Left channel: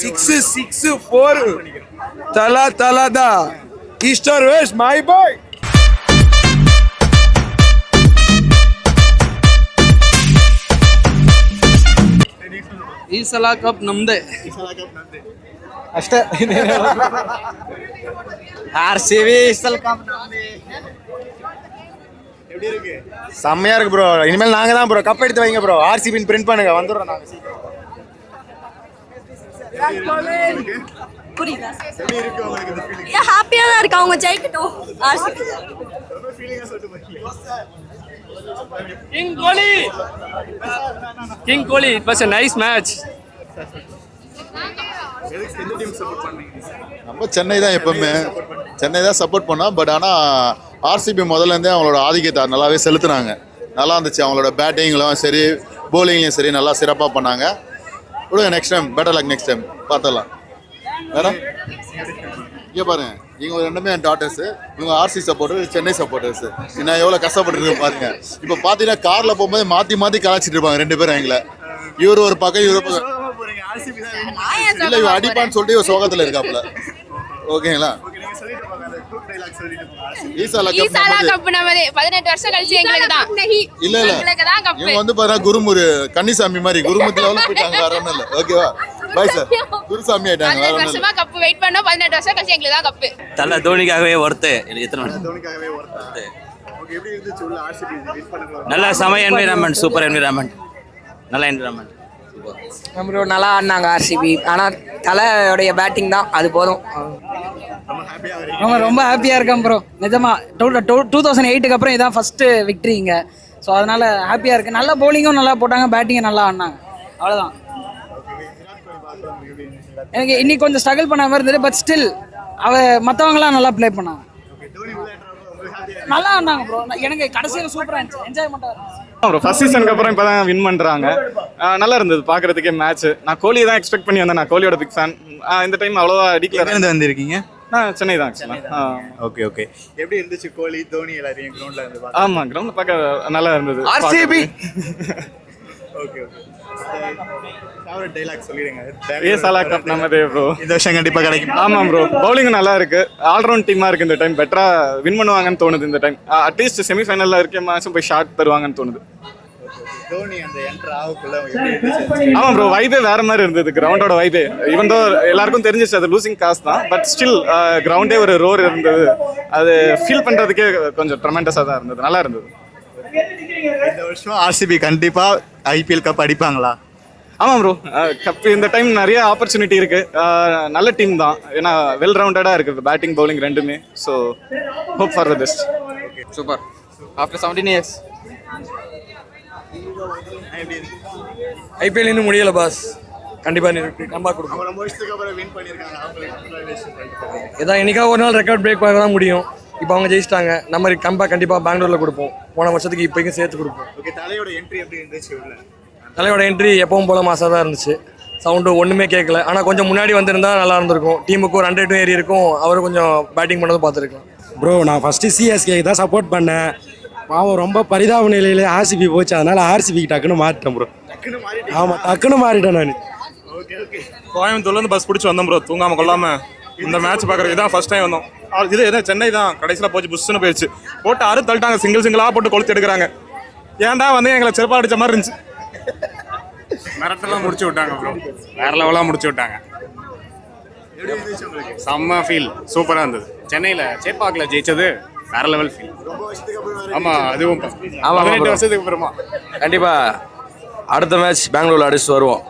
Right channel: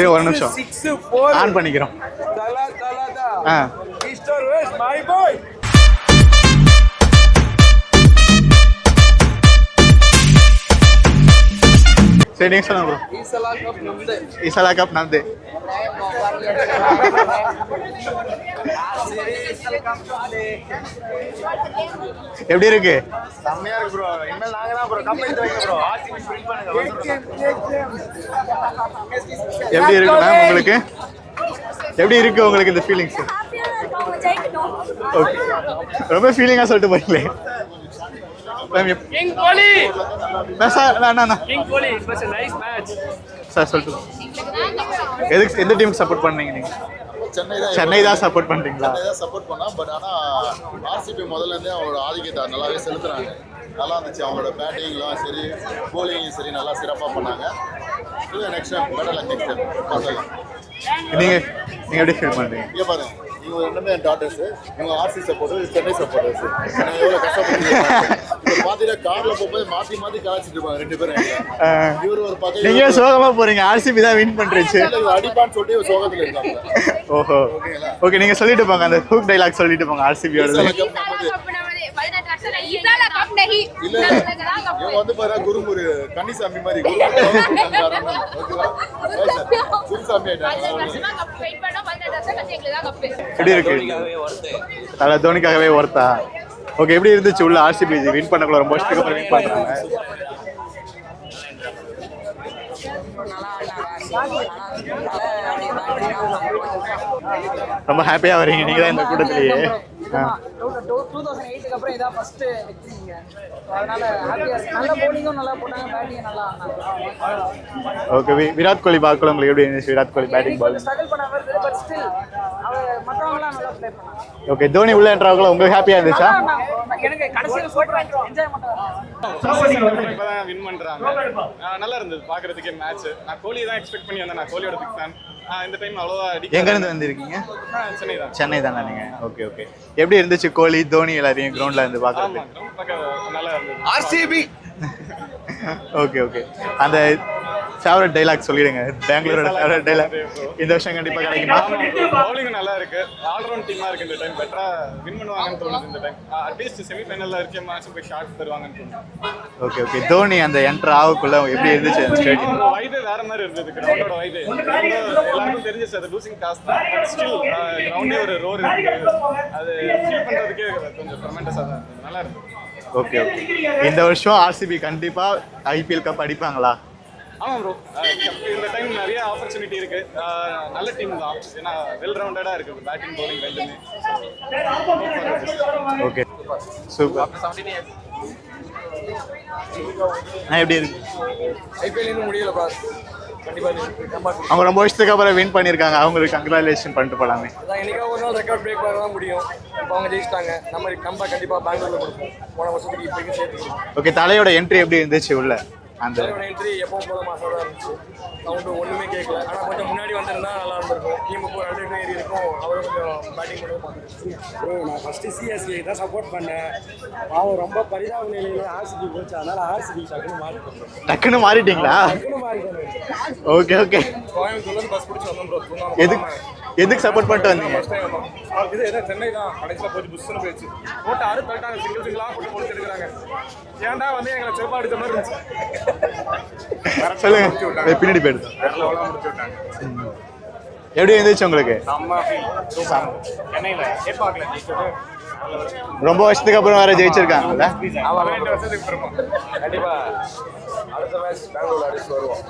6 4 on பண்ணிக்கிறோம். தலா தான் ஈஸ்டர் வெஸ்ட் மை பாய். சரி நீங்க சொல்லுங்க ப்ரோ. ಈ ಸಲ ಕಪ್ ನಮ್ದೆ. ಈ ಸಲ ಕಪ್ ನಮ್ದೆ ಅಷ್ಟೇ. ಆರ್ಸಿಬಿ ಈ ಸಲ ಕಪ್ ನಮ್ದೆ. எப்படி இருக்கு? செம்மையா இருக்கு ப்ரோ. இனிமேல் நாங்க தான் ப்ரோ கப் எடுத்து வைங்க ப்ரோ. ஆர்சிபின்னு பிரிண்ட் பண்ணுங்க வந்துறோம். எப்படி இருக்கு உங்களுக்கு? எப்படி இருக்கு உங்களுக்கு இந்த ஃபீலிங்? ஹாப்பியா தான் இருக்கு அவங்க ஜெயிக்கட்டும். ரொம்ப ஃபீலிங்கா சொல்லிட்டு போறீங்களே. King Kohli. King Kohli it was a nice match. Sir சொல்லுங்க. எதுக்கு எந்த டீம் சப்போர்ட் பண்ணீங்க நீங்க? சென்னை தான் சப்போர்ட் பண்றீங்க. சென்னை தான் சப்போர்ட் பண்ணோம். பட் ஆனால் ஆர்சிபி முதல்ல இருந்தே அவங்களோட ஆதிக்கத்தை நல்லாவே செலுத்துனாங்க. நல்லா இருந்துச்சு. அவங்களோட பேட்டிங்லும் சரி போலிங்லையும் சரி நல்லா சிறப்பாக பண்ணாங்க. Next time better luck. Next time பார்த்தலாம். நீங்க எப்படி ஃபீல் பண்றீங்க? இங்கே பாருங்க, இவங்க ரெண்டுமே என் டாட்டர்ஸ். இவங்க ஆர்சி சப்போர்ட்டர், சென்னை சப்போர்ட்டர்ஸ். நான் எவ்வளோ கஷ்டப்பட்டு பாருங்க. இப்போ பார்த்தீங்கன்னா காரில் போகும்போது மாற்றி கலாச்சிட்டு இருப்பாங்க ரெண்டு பேரும் எங்களை. இவரு ஒரு பக்கம் நீங்க சோகமா போறீங்க. ஆர்சிபி தான் வின் பண்றீங்க. இல்லை இவன் அடிப்பான்னு சொல்லிட்டு ஒரு சோகத்தில் இருக்காப்ல. ஓஹோ ஓகேங்களா? ஓகே நீங்க சொல்லிட்டு போங்க. அந்த ஹூக் டைலாக் சொல்லிட்டு போங்க. ஆர்சிபி கப் நமதே 18 வருஷம் கழிச்சு எங்களுக்கு தான். இல்ல இவங்க வந்து பாத்தீங்கன்னா குருமுரு கன்னிசாமி மாதிரி குருமுத்துல வரணும். ஓகேவா? Bye sir. குருசாமி ஆயிட்டாங்க. 18 வருஷமா கப் வெயிட் பண்ணோம். 18 வருஷம் கழிச்சு எங்களுக்கு தான் கப். தோனிக்காகவே ஒர்த்து. தோனிக்காகவே ஒர்த்தா? ஓகே எப்படி இருந்துச்சு உள்ள ஆர்சிபி வின் பண்ணக்குள்ள? ரொம்ப நல்ல சமய என்வைரன்மெண்ட், சூப்பர் என்வைரன்மெண்ட், நல்ல என்வைரன்மெண்ட். ப்ரோ நல்லா ஆடினாங்க ஆர்சிபி. ஆனால் தலையோடைய பேட்டிங் தான் அது போதும். ரொம்ப ஹாப்பியா வரீங்க? ரொம்ப ஹாப்பியா இருக்கேன் ப்ரோ. நிஜமா 2008க்கு அப்புறம் இதான் ஃபர்ஸ்ட் விக்டரிங்க. ஸோ அதனால ஹாப்பியா இருக்கு. நல்ல பவுலிங்கும் நல்லா போட்டாங்க, பேட்டிங்கும் நல்லா ஆடினாங்க. அவ்வளோதான். ஓகே விராட் கோலி பார்க்கலாம் உங்களுக்கு எப்படி இருந்துச்சு? விராட் கோலி இன்னைக்கு கொஞ்சம் ஸ்ட்ரகிள் பண்ண மாதிரி இருந்தது. பட் ஸ்டில் மற்றவங்களாம் நல்லா ப்ளே பண்ணாங்க. ஓகே தோனி உள்ள என்ட்ராவங்கள உங்களுக்கு ஹாப்பியா இருந்துச்சா? எனக்கு கடைசியில் சூப்பராக இருந்துச்சு. என்ஜாய் பண்ணாங்க ப்ரோ. ஃபர்ஸ்ட் சீசனுக்கு அப்புறம் இப்போ தான் வின் பண்ணுறாங்க. நல்லா இருந்தது பார்க்குறதுக்கே மேட்ச். நான் கோலி தான் எக்ஸ்பெக்ட் பண்ணி வந்தேன். நான் கோலியோட பிக் ஃபேன். இந்த டைம் அவ்வளோவா அடிக்க. எங்கேருந்து வந்திருக்கீங்க? சென்னை தான். சென்னை தான். ஓகே ஓகே எப்படி இருந்துச்சு கோலி தோனி எல்லாரையும் கிரவுண்ட்ல இருந்து பார்க்க? ஆமாம் கிரவுண்ட் பார்க்க நல்லா இருந்தது. ஆர்சிபி. ஓகே ஓகே அந்த ஃபேவரட் டைலாக் சொல்லிடுங்க. இந்த வருஷம் கண்டிப்பாக கிடைக்கும். ஆமாம் ப்ரோ. பவுலிங் நல்லா இருக்கு. ஆல்ரவுண்ட் டீமாக இருக்கு. இந்த டைம் பெட்டரா வின் பண்ணுவாங்கன்னு தோணுது. இந்த டைம் அட்லீஸ்ட் செமிஃபைனலில் இருக்க மேட்சும் போய் ஷாட் தருவாங்கன்னு தோணுது. ஓகே ஓகே தோனி அந்த என்டர் ஆகக்குள்ள எப்படி இருந்துச்சு? ஆமாம் ப்ரோ. வைபே வேற மாதிரி இருந்தது. கிரவுண்டோட வைபே இவன் தான் எல்லாருக்கும் தெரிஞ்சிச்சு அது லூசிங் காசு தான். பட் ஸ்டில் கிரவுண்டே ஒரு ரோர் இருந்தது. அது ஃபீல் பண்ணுறதுக்கே கொஞ்சம் ட்ரெமெண்டஸாக தான் இருந்தது. நல்லா இருந்தது. ஓகே ஓகே இந்த வருஷம் ஆர்சிபி கண்டிப்பாக ஐபிஎல் கப் அடிப்பாங்களா? ஆமாம் ப்ரோ. கப் இந்த டைம் நிறைய ஆப்பர்ச்சுனிட்டி இருக்கு. நல்ல டீம் தான். ஏன்னா வெல் ரவுண்டடாக இருக்கு பேட்டிங் பவுலிங் ரெண்டுமே. So hope for the best. Okay super super. After 17 years எப்படி இருக்கு? ஐபிஎல் இன்னும் முடியல பாஸ். கண்டிப்பா அவங்க ரொம்ப வருஷத்துக்கு அப்புறம் வின் பண்ணியிருக்காங்க. அவங்களுக்கு கங்க்ராச்சுலேஷன் பண்ணிட்டு போகலாமே. ஏதாவது என்னைக்காக ஒரு நாள் ரெக்கார்ட் பிரேக் பண்ண தான் முடியும். இப்போ அவங்க ஜெயிச்சிட்டாங்க. நம்ம கம்பேக் கண்டிப்பாக பெங்களூரில் கொடுப்போம். போன வருஷத்துக்கு இப்போக்கும் சேர்த்து கொடுப்போம். ஓகே தலையோட என்ட்ரி எப்படி இருந்துச்சு உள்ள? அந்த தலையோட என்ட்ரி எப்பவும் போல மாசாக தான் இருந்துச்சு. சவுண்டு ஒன்றுமே கேட்கல. ஆனால் கொஞ்சம் முன்னாடி வந்திருந்தா நல்லா இருந்திருக்கும். டீமுக்கு ஒரு 100 ஏறி இருக்கும். அவர் கொஞ்சம் பேட்டிங் பண்ணது பார்த்துருக்கோம். ப்ரோ நான் ஃபஸ்ட்டு சிஎஸ்கே தான் சப்போர்ட் பண்ணேன். பாவம் ரொம்ப பரிதாப நிலையிலே ஆர்சிபி போச்சு. அதனால ஆர்சிபிக்கு டக்குன்னு மாறிட்டேன் ப்ரோ. டக்குன்னு மாறிட்டீங்களா? டக்குன்னு மாறிட்டேன் நான். ஓகே ஓகே கோயம்புத்தூர்லேருந்து பஸ் பிடிச்சி வந்தோம் ப்ரோ. தூங்காம கொள்ளாம எந்த மேட்ச் பார்க்குறது தான் ஃபர்ஸ்ட் டைம் வந்தோம். இது எதாவது சென்னை தான். கடைசியில் போச்சு புஷ்ன்னு போயிடுச்சு. போட்டு அறு தள்ளிட்டாங்க. சிங்கிளாக போட்டு கொளுத்து எடுக்கிறாங்க. ஏன்டா வந்து எங்களை செருப்பா அடிச்ச மாதிரி இருந்துச்சு. முடிச்சு விட்டாங்க. பின்னாடி போயிடுச்சு. வேற லெவலாக முடிச்சு விட்டாங்க. எப்படி இருந்துச்சு உங்களுக்கு? செம்ம ஃபீல். சூப்பராக இருந்தது. சென்னையில் சேப்பாக்கில் ஜெயிச்சது வேற லெவல் ஃபீல். ரொம்ப வருஷத்துக்கு அப்புறம் வேற ஜெயிச்சிருக்காங்க. 18 வருஷத்துக்கு அப்புறமா கண்டிப்பா அடுத்த மேட்ச் பெங்களூர்ல அடிச்சுட்டு வருவோம்.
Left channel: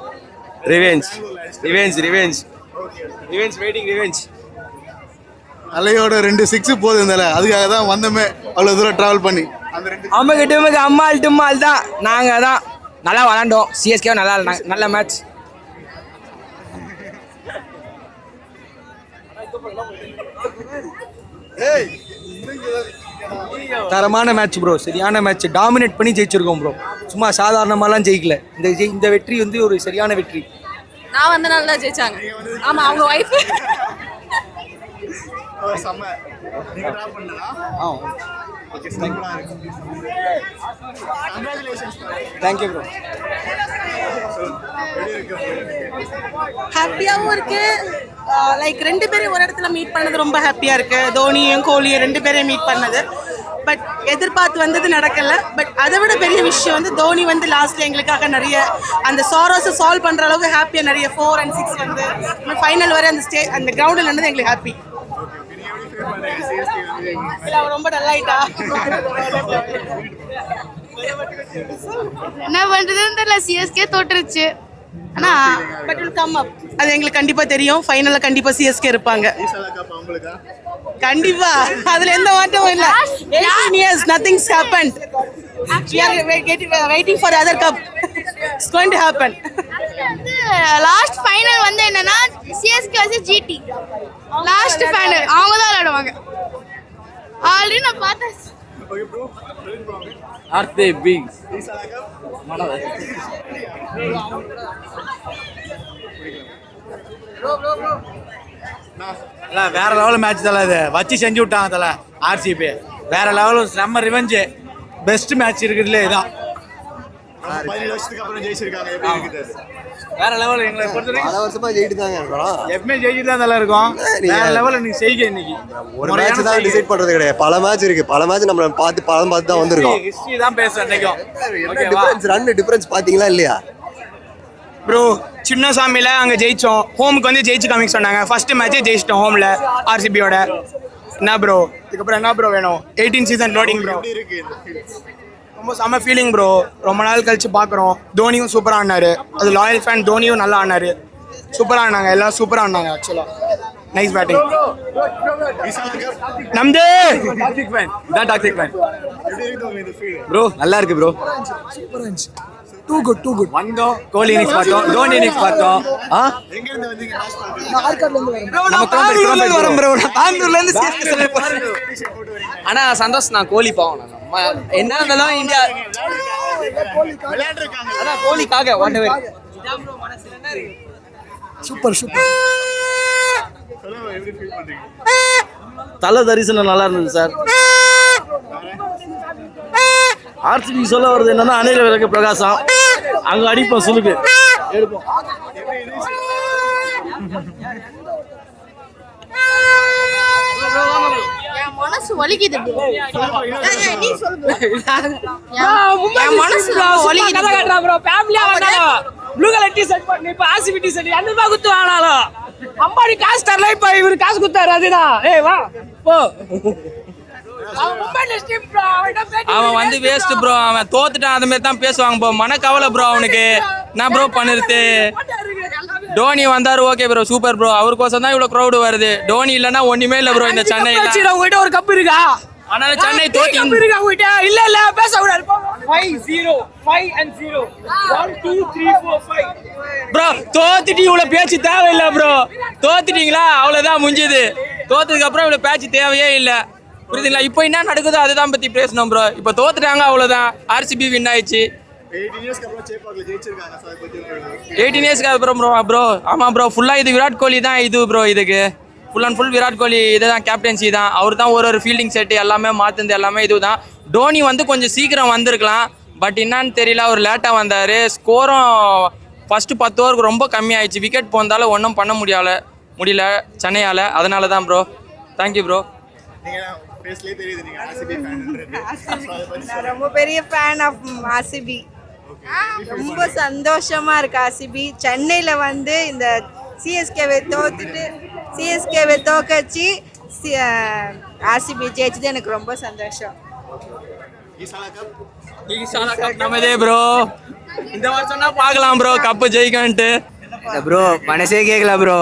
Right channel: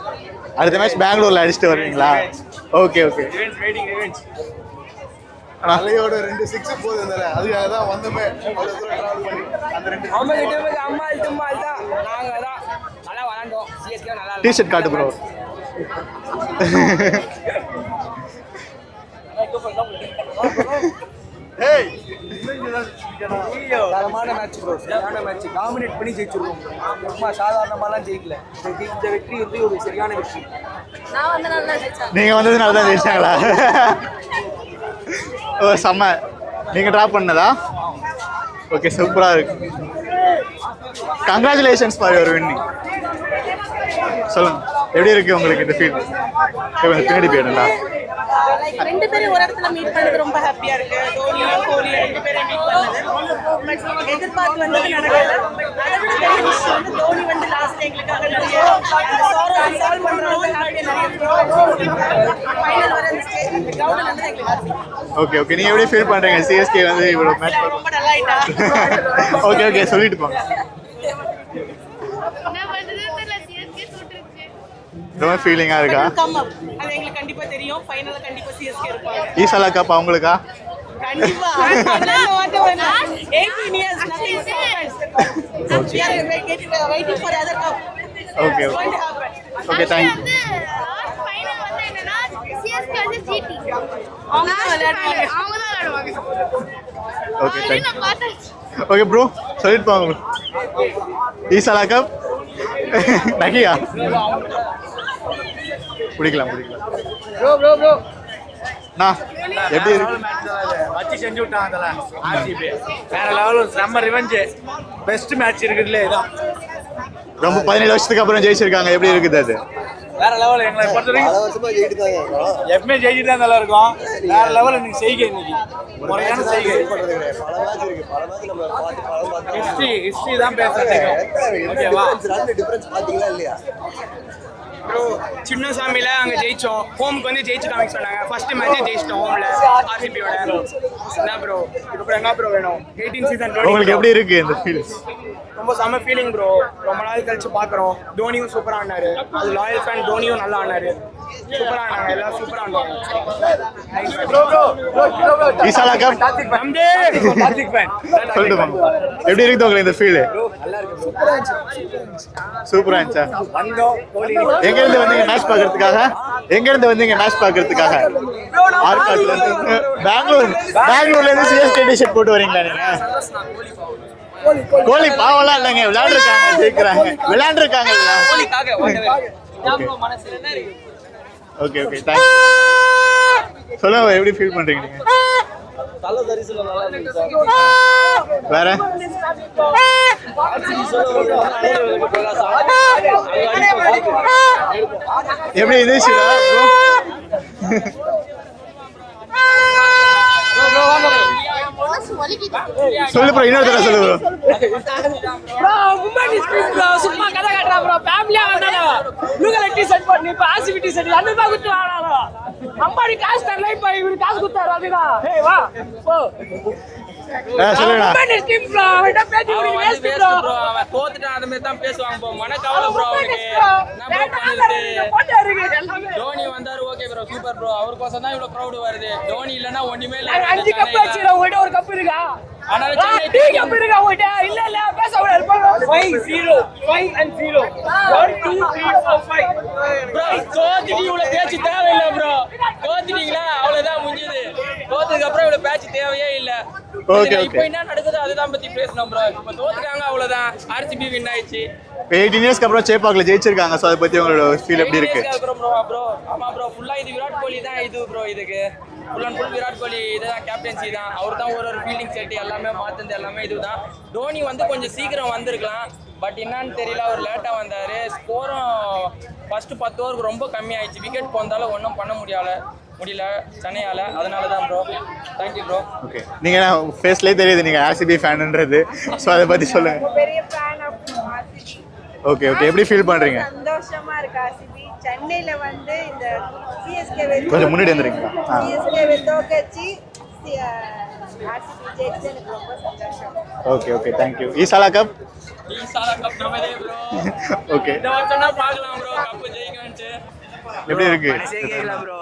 அடுத்த மேட்ச் பெங்களூர்ல அடிச்சுட்டு ரிவெஞ்ச். Okay okay revenge. அலையோட 2 6 போதும் இருந்தால அதுக்காக தான் வந்தமே அவ்வளோ தூரம் ட்ராவல் பண்ணி. அவங்க டீமுக்கு அம்மாள் டும்மால் தான். நாங்கள் தான் நல்லா விளாண்டோம். சிஎஸ்கே நல்லா நல்ல மேட்ச். தரமான மேட்ச் ப்ரோ. சரியான மேட்ச். டாமினேட் பண்ணி ஜெயிச்சிருக்கோம் ப்ரோ. சும்மா சாதாரணமாலாம் ஜெயிக்கல. இந்த வெற்றி வந்து ஒரு சரியான வெற்றி. நான் வந்து நல்லா ஜெயிச்சாங்க. நீங்க வந்தது நல்லா ஜெயிச்சாங்களா? ஓ செம்ம. நீங்க டிராப் பண்ணதா? ஓகே சூப்பரா இருக்கு. Congratulations for your win. Thank you. சொல்லுங்க, எப்படி இருக்கு உங்களுக்கு இந்த ஃபீல்? பின்னாடி போயிடுண்டா. லைக் ரெண்டு பேரும் ஒரு இடத்துல மீட் பண்ணது ரொம்ப ஹாப்பியா இருக்கு. தோனியும் கோலியும் ரெண்டு பேரையும் மீட் பண்ணது. பட் எதிர்பார்த்து வந்தது நடக்கல. பட் அதை விட பெரிய விஷயம் வந்து தோனி வந்து லாஸ்ட்ல எங்களுக்காக நிறைய அந்த சாரோஸை சால்வ் பண்ற அளவுக்கு ஹாப்பியா நிறைய 4 and 6 வந்து ஃபைனல் வரை அந்த கிரவுண்டில் நடந்தது எங்களுக்கு ஹாப்பி. ஓகே ஓகே, நீங்க எப்படி ஃபீல் பண்றீங்க? சிஎஸ்கே வந்து இவ்வளவு மேட்ச் ரொம்ப நல்லா ஆயிட்டா. ஓகே ஓகே, சொல்லிட்டு போங்க. என்ன பண்றதுன்னு தெரியல, சிஎஸ்கே தோற்றுச்சு. என்ன ஃபீலிங்கா இருக்கா? அது எங்களுக்கு கண்டிப்பா தெரியும். ஃபைனல்ல கண்டிப்பா சிஎஸ்கே இருப்பாங்க. ஈசாலா கப் அவங்களுக்கா? கண்டிப்பா, அதுல எந்த மாற்றமும் இல்ல. 18 years nothing's happened. We are waiting for other cup. Okay. It's going to happen. Okay, thank you. Last final வந்து என்னன்னா சிஎஸ்கே வந்து ஜிடி லாஸ்ட் ஃபைனல் அவங்க தான் விளையாடுவாங்க. ஆல்ரெடி நான் பார்த்தேன். ஓகே ப்ரோ, சொல்லிட்டு போங்க. ஆர்சிபி ஈசாலா கப் நகியா பிடிக்கலாம். வேற லெவல் மேட்ச் தல, இது வச்சு செஞ்சு விட்டாங்க தல. ஆர்சிபி வேற லெவல், செம்ம ரிவெஞ்ச், பெஸ்ட் மேட்ச் இருக்குதுல இதான். ரொம்ப 17 வருஷத்துக்கு அப்புறம் ஜெயிச்சிருக்காங்க, எப்படி இருக்குது அது? வேற லெவல். எங்களை பொறுத்த வரைக்கும் எப்பவுமே ஜெயிச்சுட்டு தான் தல இருக்கும். வேற லெவல் இன்னைக்கு செய்க. இன்னைக்கு ஒரு மேட்ச் தான் டிசைட் பண்றது கிடையாது, பல மேட்ச் இருக்கு. பல மேட்ச் நம்ம பார்த்து தான் வந்திருக்கோம். ஹிஸ்டரி தான் பேசுறேன். ரன் டிஃபரன்ஸ் பாத்தீங்களா இல்லையா ப்ரோ? சின்னசாமியில் அங்கே ஜெயித்தோம். ஹோமுக்கு வந்து ஜெயிச்சு காமிக்க சொன்னாங்க. ஃபர்ஸ்ட் மேட்ச்சே ஜெயிச்சிட்டோம் ஹோமில் ஆர்சிபியோட. என்ன ப்ரோ இதுக்கப்புறம் என்ன ப்ரோ வேணும்? 18 சீசன் உங்களுக்கு எப்படி இருக்கு இந்த ஃபீல்? ரொம்ப செம்ம ஃபீலிங் ப்ரோ. ரொம்ப நாள் கழிச்சு பார்க்குறோம். தோனியும் சூப்பராக ஆடினாரு. அது லாயல் ஃபேன் தோனியும் நல்லா ஆடினாரு. சூப்பராக ஆடினாங்க, எல்லாரும் சூப்பராக ஆடினாங்க. ஆக்சுவலாக நைஸ் பேட்டிங். ஈசாலா கப் நம்தே எப்படி இருக்கு உங்களுக்கு இந்த ஃபீல்? ப்ரோ நல்லா இருக்கு ப்ரோ. சூப்பரா இருந்துச்சு. வந்தோம் கோலி இன்னிங்ஸ் பார்த்தோம், தோனி இன்னிங்ஸ் பார்த்தோம். எங்க இருந்து வந்தீங்க மேட்ச் பார்க்கிறதுக்காக? பெங்களூர்ல இருந்து சிஎஸ்கே டி-ஷர்ட் போட்டு வரீங்களா? ஆனா சந்தோஷம், நான் கோலி பாவம் விளையாண்டுருக்காங்க. கோலிக்காக சொல்லுங்க, எப்படி ஃபீல் பண்றீங்க நீங்க? தல தரிசனம் நல்லா இருந்தது சார். வேற ஆர்சிபி சொல்ல வருது என்னன்னா அணில விளக்கு பிரகாசம் அங்க அடிப்போம் சுலுக்கு. எப்படி இருந்துச்சு? மனசு வலிக்குது. சொல்லு ப்ரோ, இன்னொரு தடவை சொல்லு என் மனசு வலிக்குது ப்ரோ. ஃபேமிலியா வந்தாலும் ப்ளூ கலர் டி-ஷர்ட் போட்டு இப்ப ஆர்சிபி டி-ஷர்ட் என்ன குத்து வாங்கலாம். அம்பாடி காசு தரல, இப்ப இவரு காசு குத்தாரு. அதுதான் ஏய் வா போ. அவன் வந்து வேஸ்ட் ப்ரோ. அவன் தோத்துட்டான், அந்த மாதிரி தான் பேசுவாங்க ப்ரோ. மனக்கவலை ப்ரோ அவனுக்கு. நான் ப்ரோ பண்ணுறது. டோனி வந்தாரு, ஓகே ப்ரோ, சூப்பர் ப்ரோ. அவருக்கோசம் தான் இவ்வளோ க்ரௌடு வருது. டோனி இல்லைன்னா ஒண்ணுமே இல்லை ப்ரோ இந்த சென்னை. உங்ககிட்ட ஒரு கப் இருக்கா? அதனால சென்னை தோக்கி இருக்கா உங்ககிட்ட? இல்ல இல்ல பேச கூடாது. 5-0 1 2 3 4 5 ப்ரோ. தோத்துட்டு இவ்வளவு பேச்சு தேவையில்லை ப்ரோ. தோத்துட்டீங்களா அவ்வளவுதான் முடிஞ்சது. தோத்ததுக்கு அப்புறம் இவ்வளவு பேச்சு தேவையே இல்லை. இப்போ என்ன நடக்குதோ அதுதான் பத்தி பேசணும் ப்ரோ. இப்போ தோத்துட்டாங்க அவ்வளவுதான். ஆர்சிபி வின் ஆயிடுச்சு. 18 இயர்ஸ்க்கு அப்புறம் சேப்பாக்ல ஜெயிச்சிருக்காங்க. சோ அத பத்தி உங்களோட ஃபீல்? 18 இயர்ஸ்க்கு அப்புறம் ப்ரோ. ஆமா ப்ரோ, ஃபுல்லா இது விராட் கோலி தான் இது ப்ரோ. இதுக்கு full and full Virat Kohli இதுதான் கேப்டன்சி தான். அவர் தான் ஒரு ஃபீல்டிங் செட் எல்லாமே மாத்துனது எல்லாமே இதுதான். டோனி வந்து கொஞ்சம் சீக்கிரம் வந்திருக்கலாம். பட் என்னன்னு தெரியல, அவர் லேட்டாக வந்தார். ஸ்கோரும் ஃபர்ஸ்ட் 10 ஓவருக்கு ரொம்ப கம்மியாயிடுச்சு. விக்கெட் போந்தாலும் ஒன்றும் பண்ண முடியல சென்னையால். அதனால தான் ப்ரோ. Thank you bro. ஓகே, நீங்க ஃபேஸ்லயே தெரியுது நீங்க ஆர்சிபி ஃபேன்ன்றது. சோ அத பத்தி சொல்லுங்க. பெரிய fan of RCB. Okay okay, எப்படி ஃபீல் பண்றீங்க? சந்தோஷமா இருக்கு. ஆர்சிபி சென்னையில வந்து இந்த சிஎஸ்கே முன்னாடி வந்துறீங்களா? சிஎஸ்கே தோக்கச்சி ஆர்சிபி ஜெயிச்சது எனக்கு ரொம்ப சந்தோஷம். Okay okay, thank you. ஈசாலா கப் நமதே ப்ரோ. ஓகே, இந்த வருஷம் தான் பார்க்கலாம் ப்ரோ கப்பு ஜெயிக்கன்ட்டு ப்ரோ. மனசே கேட்கல ப்ரோ.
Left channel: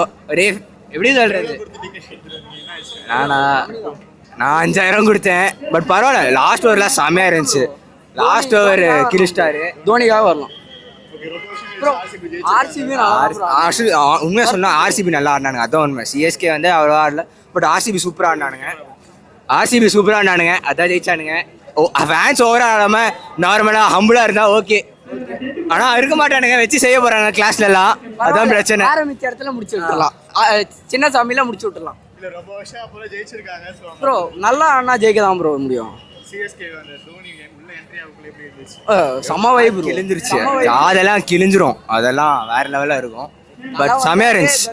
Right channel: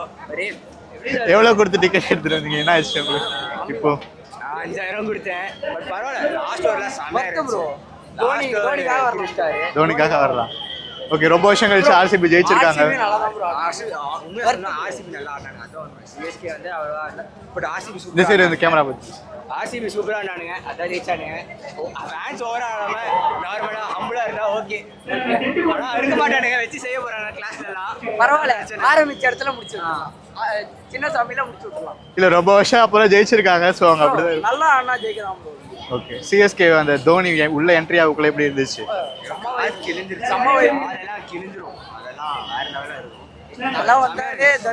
எப்படி எவ்வளவு கொடுத்து டிக்கெட் எடுத்துட்டு வந்தீங்க? என்ன ஆச்சு இப்போ? நான் 5000 கொடுத்தேன். பட் பரவாயில்ல, லாஸ்ட் ஓவர்லாம் செம்மையா இருந்துச்சு. லாஸ்ட் ஓவர் கிரிஸ்டாரு தோனிக்காக வரும். ஓகே, ரொம்ப வருஷம் கழிச்சு ஆர்சிபி ஜெயிச்சிருக்காங்க. உண்மையா சொன்னா ஆர்சிபி நல்லா ஆடினானுங்க, அதான் உண்மை. சிஎஸ்கே வந்து அவ்வளோ ஆடல. But RCB super. இந்த கேமரா பத்தி ஆர்சிபி சூப்பராக ஆடினானுங்க, அதான் ஜெயிச்சானுங்க. ஃபேன்ஸ் ஓவராக ஆடாமல் நார்மலாக ஹம்பிளாக இருந்தால் ஓகே. ஆனா இருக்க மாட்டானுங்க, வச்சு செய்ய போறாங்க கிளாஸ்ல எல்லாம். அதான் பிரச்சனை. ஆரம்பிச்ச இடத்துல முடிச்சு விட்டுறலாம், சின்ன சாமியில முடிச்சு விட்டுறலாம். இல்ல ரொம்ப வருஷம் அப்புறம் ஜெயிச்சிருக்காங்க. ஸோ அவங்க நல்லா அண்ணா ஜெயிக்க தான் ப்ரோ முடியும். ஓகே. சிஎஸ்கே அந்த தோனி உள்ள என்ட்ரி ஆகுக்குள்ள எப்படி இருந்துச்சு? செம வைப் கிழிஞ்சிருச்சு, அதெல்லாம் கிழிஞ்சிரும், அதெல்லாம் வேற லெவலா இருக்கும். பட் செமையா இருந்துச்சு.